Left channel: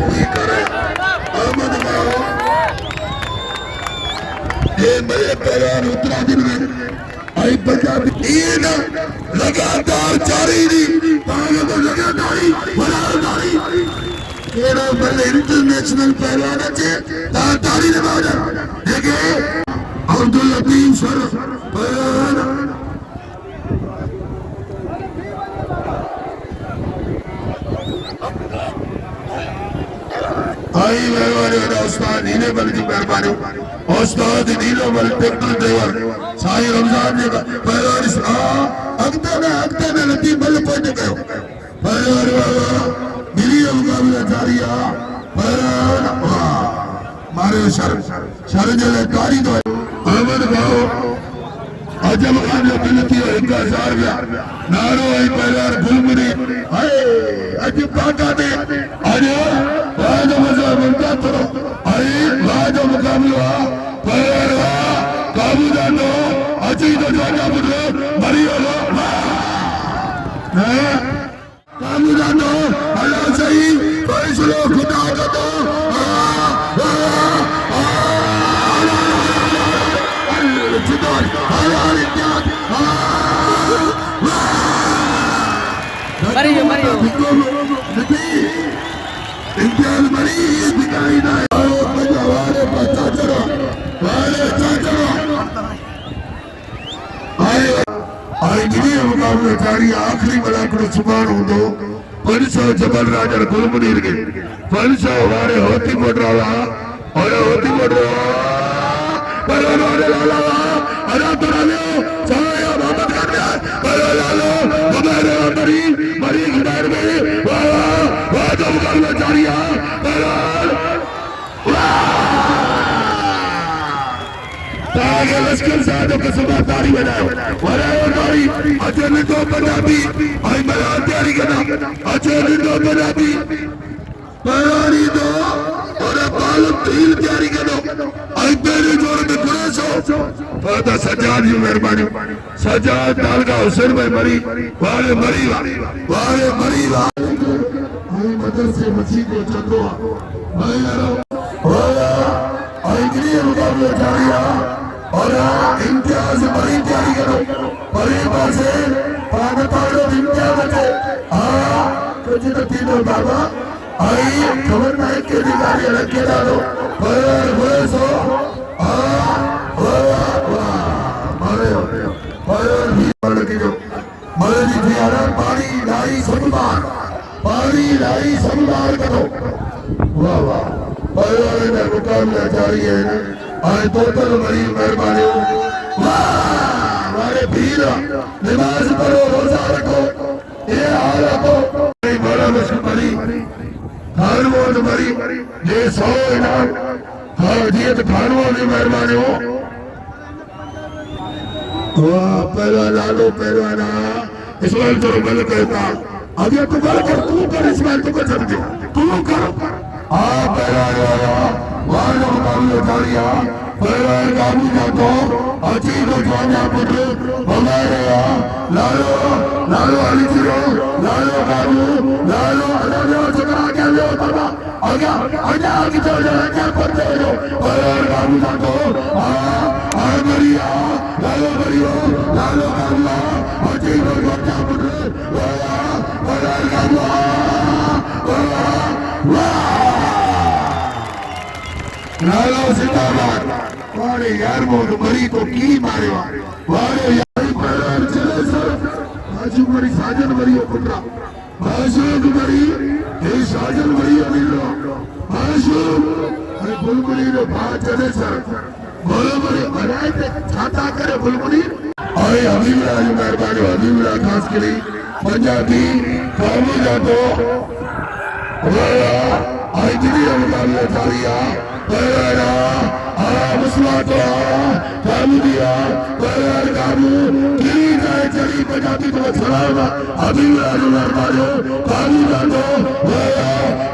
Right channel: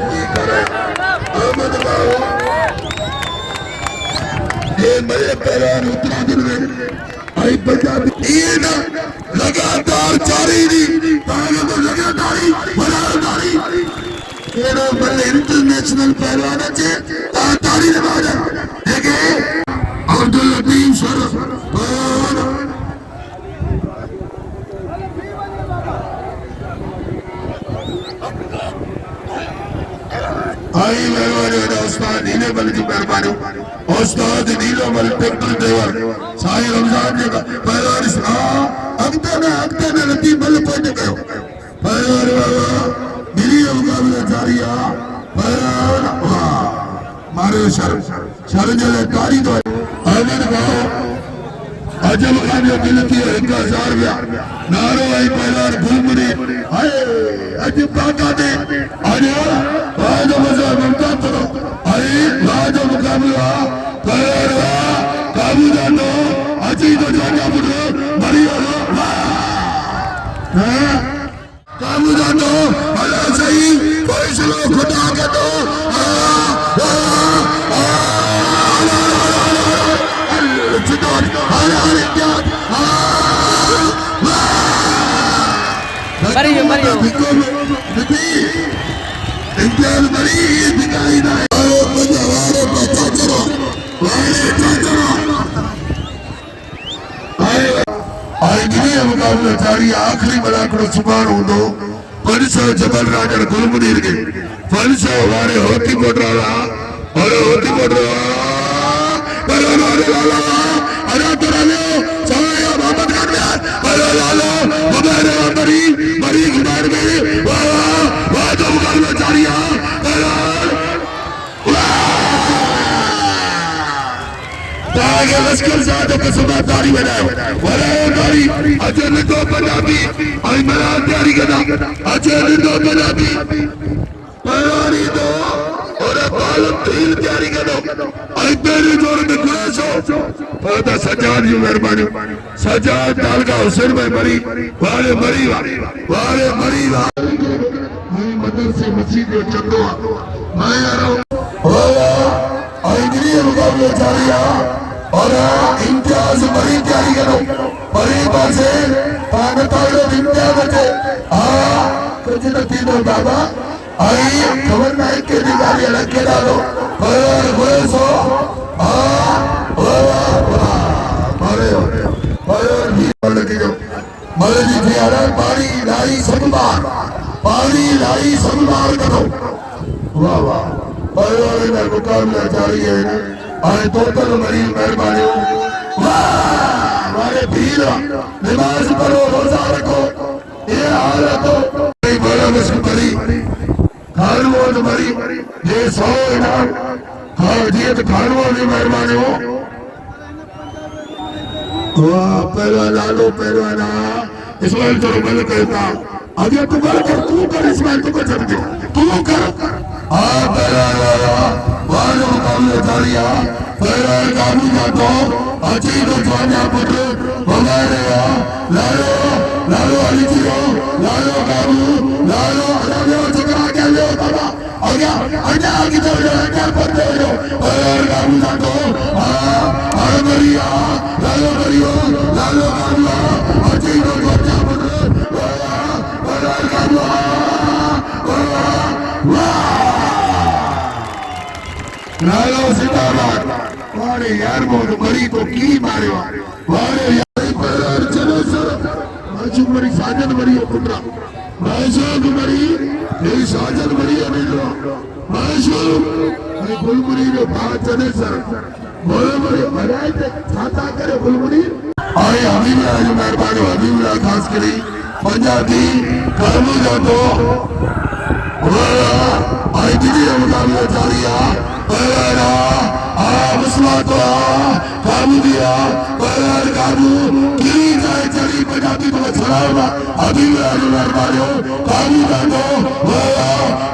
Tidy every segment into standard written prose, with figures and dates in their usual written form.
ये करे अहमद बाबू ये मेरे पहलवान उत्तराखंड के आई पंजाबी ईद लगातार जारी थी ताने में लगातारी बराबरी केड़ा बल इंटरनेशनल पहलवान अच्छे तारी लगा दे देखे अब्दुल लतीफ सर आई मेरे उस्ताद इन्हें बल की मेहरबानी उस्ताद नीलो बल टेक्टल देवर साई रमजान ने पहलवान अगते में लतीफ बल पहुंच गयो पहलवान मिलियो मुकाबला जारी है पहलवान मारे शर्जले कारी दो अहमद भाव अजब मुकाबला मिलती है 1000 नारो है पहलवान गुलमुरी हाय अजब बाका दे अरे वाद मजा ममता करो अरे वाद मुकाबला पहलवान काबू जानो अजी तो जाना बुझो मरी वालो काबू जानो अल्लाह सही फैसला खुदा का दो Mario, Mario. आखिरी मलाकड़ो सुबान होंदो परिसो जबल राजर गुलमुदीर के परिसो हमारे होती कोटराला और होती कोटराला अरे तराले सवाया मोहम्मद खान बलाला हमारे मरी मरी हमारे में वाह जो मुकाबला जारी है ताकि लश्कर साहब के सुबह तारी बनाओ वराई अजन तो पंजाबी आई मलाल तैयारी करना अजन तो पंजाबी परारी दो और बाल तीर तैयारी करना आई तेरी जोर में गुरेशो फादा सजाद जी मेहरबानी सजाद डाल का हुसैन में मरी वाले मरी आई मदरसे मस्जिद में चंदो मैं यारो आई गिरी मुकाबले जारी है और इम्तियाज मरी तैयारी करो परिवार से पागताड़ो इम्तियाज बचे कुछ तो तीनों बाबा आई खबर नहीं के दिवाली अलग के डालो और सो पानी लाई संभाल करो वाह वाह परिवार में मुकाबला जारी है आए तो पर मरी मेहरबानी हमारे भीड़ नमाज पढ़ो रोजा रखो ये हालत बड़ा मुश्किल मरी हर रोज मरी ये 100 इनाम हाजियत खानों की मेहरबानी हो पहलवाना लो पहलवाना इसमाइल तो गल कहता अभी तू गल कर तू कर इसमाइल तो कर तू कर पहलवान वाला मुकाबला जारी है पहलवान कानू का तो अजीब जाना पुत्र हमारे लालो लालो अली जी लालो कानू लालो चकरा के ले बाबा आ गया आगे चल जा क्या पड़ते हो पहलवान कानू का तो मरिया लालो कानू अजीब जाना पुत्र पहलवान कानू लालो जिंदाबाद वारे यार मोद मरी तो की मारे वारे यार चलो सर आजू मरी साजन मरी पुत्रा आजू मरी ये साजन मरी मिलो आजू अरे बुलबुली ने बात चले सर बोले बड़े बनाए थे छाता करे बुलबुली आए हबीब आज मेहरबानी हबीब खास करी पंजाबी कामी जातो आई दीदी मुकाबला जारी है पहला मुस्लिम काबू दिया पहला काबू की जाए चली पंजाबी तो छलावा अभी आज मेहरबानी काबू जातो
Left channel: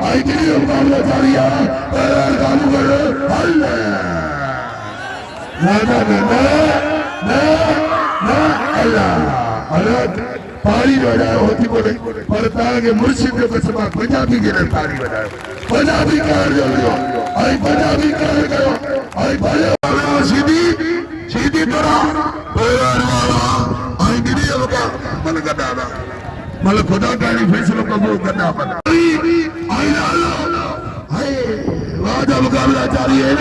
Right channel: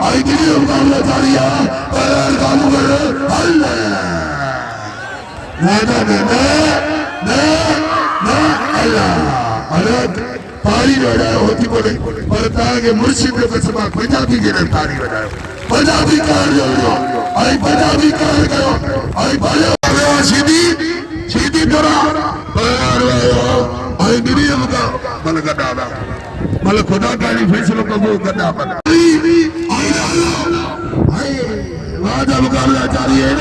आई दीदी मुकाबला जारी है पहला काबू करे अल्लाह अल्लाह ताली बजायो होती बोले पर ताके मुर्शिद के कसम पंजाबी के ताली बजायो पंजाबी कर जो आई पंजाबी कर गयो आई बजायो सीधी सीधी तरह आई गिरी का मन गदा मल खुदा का फैसलों कबूल करना आई राजा मुकाबला जारी है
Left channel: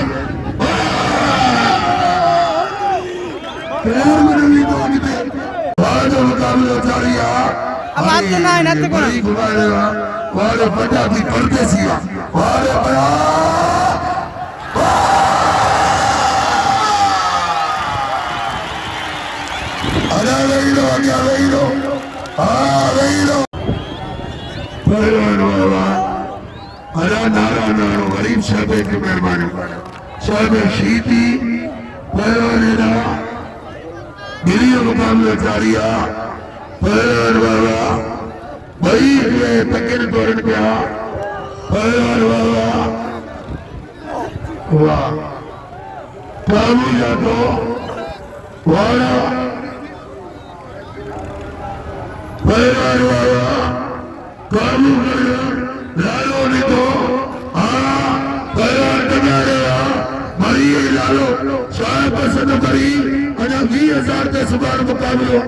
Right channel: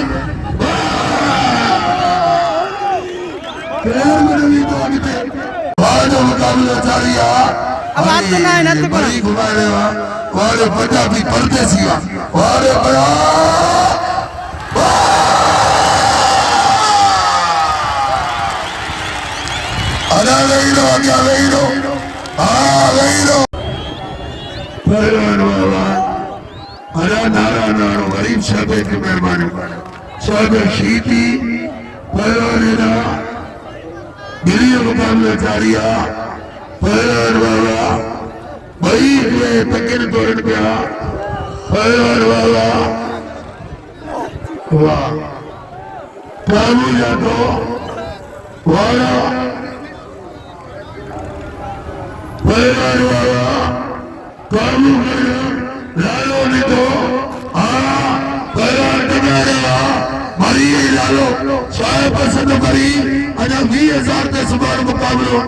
राजा मुकाबला जारी है अब आज तो ना है ना तो कौन और पंजाबी परदेसी और अला गईरो आगे गईरो गईरो अरे नारा नारा गरीब साहब की मेहरबानी साहब शीती पहला दिल्ली मुकाबला जारी है पहला भाई ये तकन तोड़ गया पहला वाह काबू जातो वाह पहला काबू कर लालो ने तो मरी लालो शायद पसंद करी अना 20,000 के समान मुकाबलो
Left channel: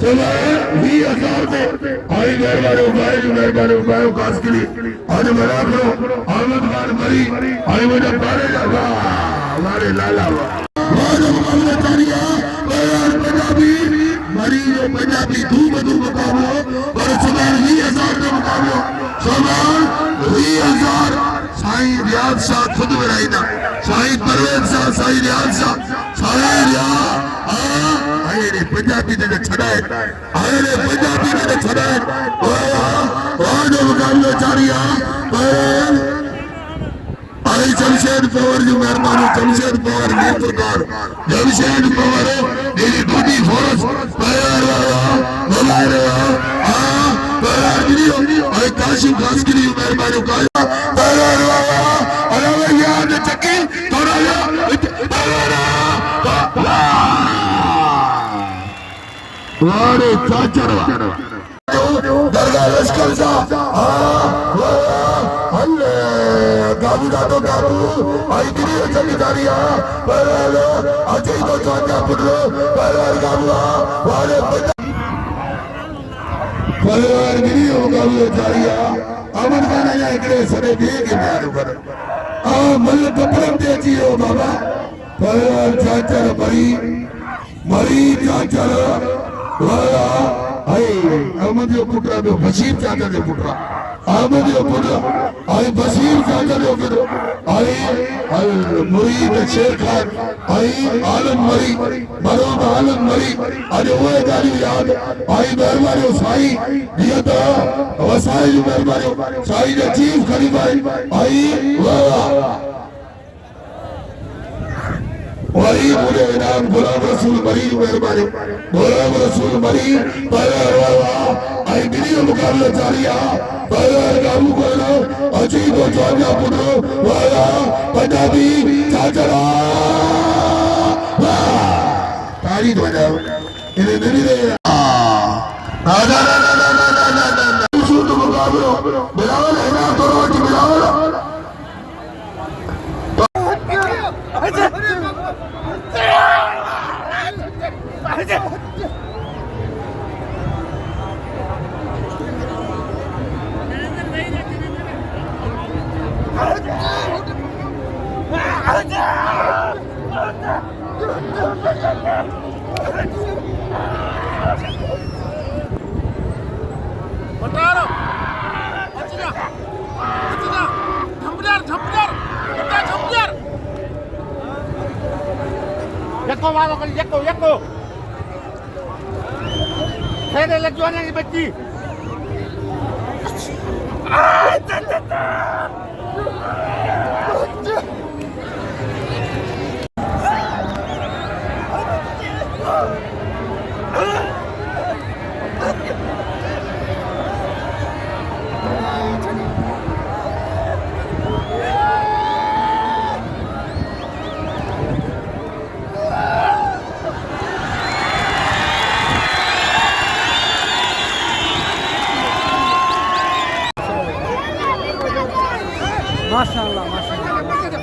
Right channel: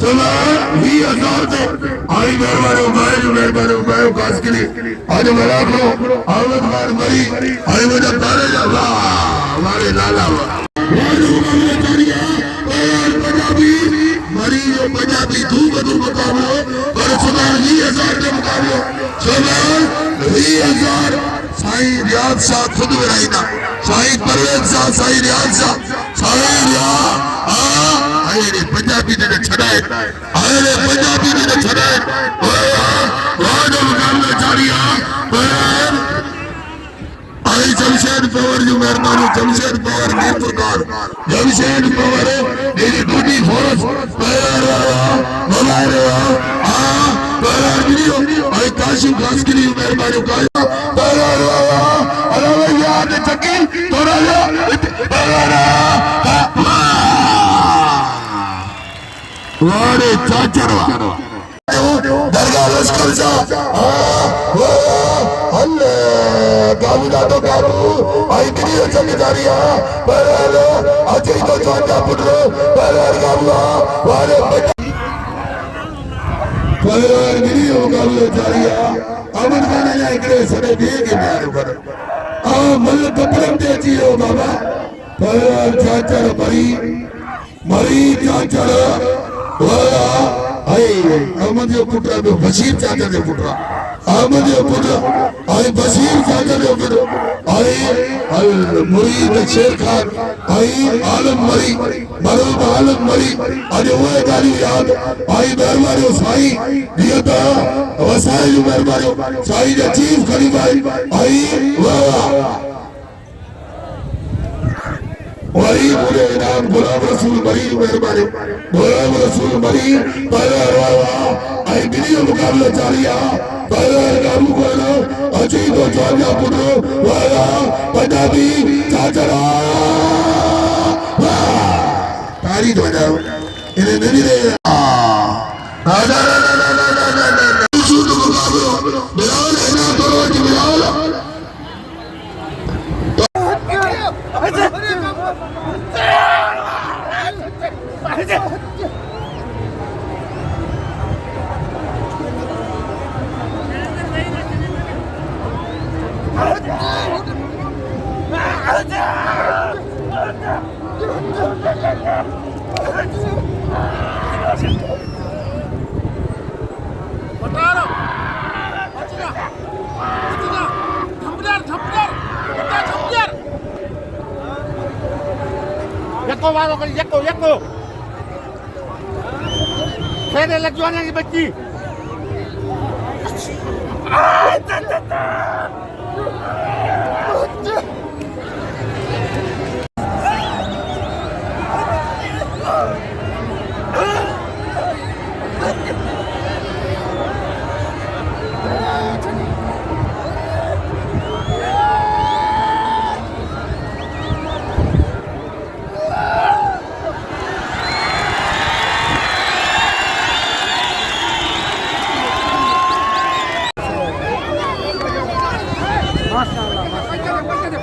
सुबह 20,000 के आई मेहरबानी मैं कास के लिए आज मरा लो आमद खान मरी आई मुझे तारे जा हमारे लाला पंजाबी मरी जो पंजाबी धूम मुकाबलो और सुबह 20,000 के मुकाबलो सुबह 20,000 साईं रियाज शाह खुद बनाई ना साईं परवेज शाह साईं रियाज शाह साईं रियाज आए रे पंजाबी ने छड़ाए आए रे पंजाबी ने छड़ाए आज मुकाबला जारी है आई जमशेद पवार जो मेहरबानी जमशेद पवार नेत्रकार जमशेद पवार मेरी टूटी फोर्स बनाए रहा आई काशी खास के लिए मेहरबानी का वारे चाचरवा दरगाह लश्कर हल्ले गाबू तो गाबू आई गिरी जमीदारिया पहले अजय तो चाचा पुत्रो पहले गाबू वारे पहले गिरी गाबू जारिया अमन गाना या इकरे सने भी के मारू कर मल कपड़म दे जियो बाबा पहले चाचर मरी चाचर अहमद जो पुत्र जो बशीर चाचा जो पुत्र अहमद जो पुत्र आई बशीर चाचा जो पुत्र आई मुरीद शेर खान आई आलम मरी मरूब आलम मरी आज वो गाड़ी याद आई मेहरबानी साई दिया था वसाई जो मेहरबानी साई जो चीफ खड़ी भाई आई वाह वही पूरे इनाम गुलाम रसूल मरी मेहरबानी गुलाम रसूल मरी आई वीडियो मुकाबला जारी है काबू करो अजीत और जामिया पुत्रो वाला पंजाबी चाचरा तारी बजाओ इन्हें नहीं दे राजा मुकाबला बिलावल इनाम करो जी Bilawal Yakko. Saya lagi jualan di beti. पैसा दे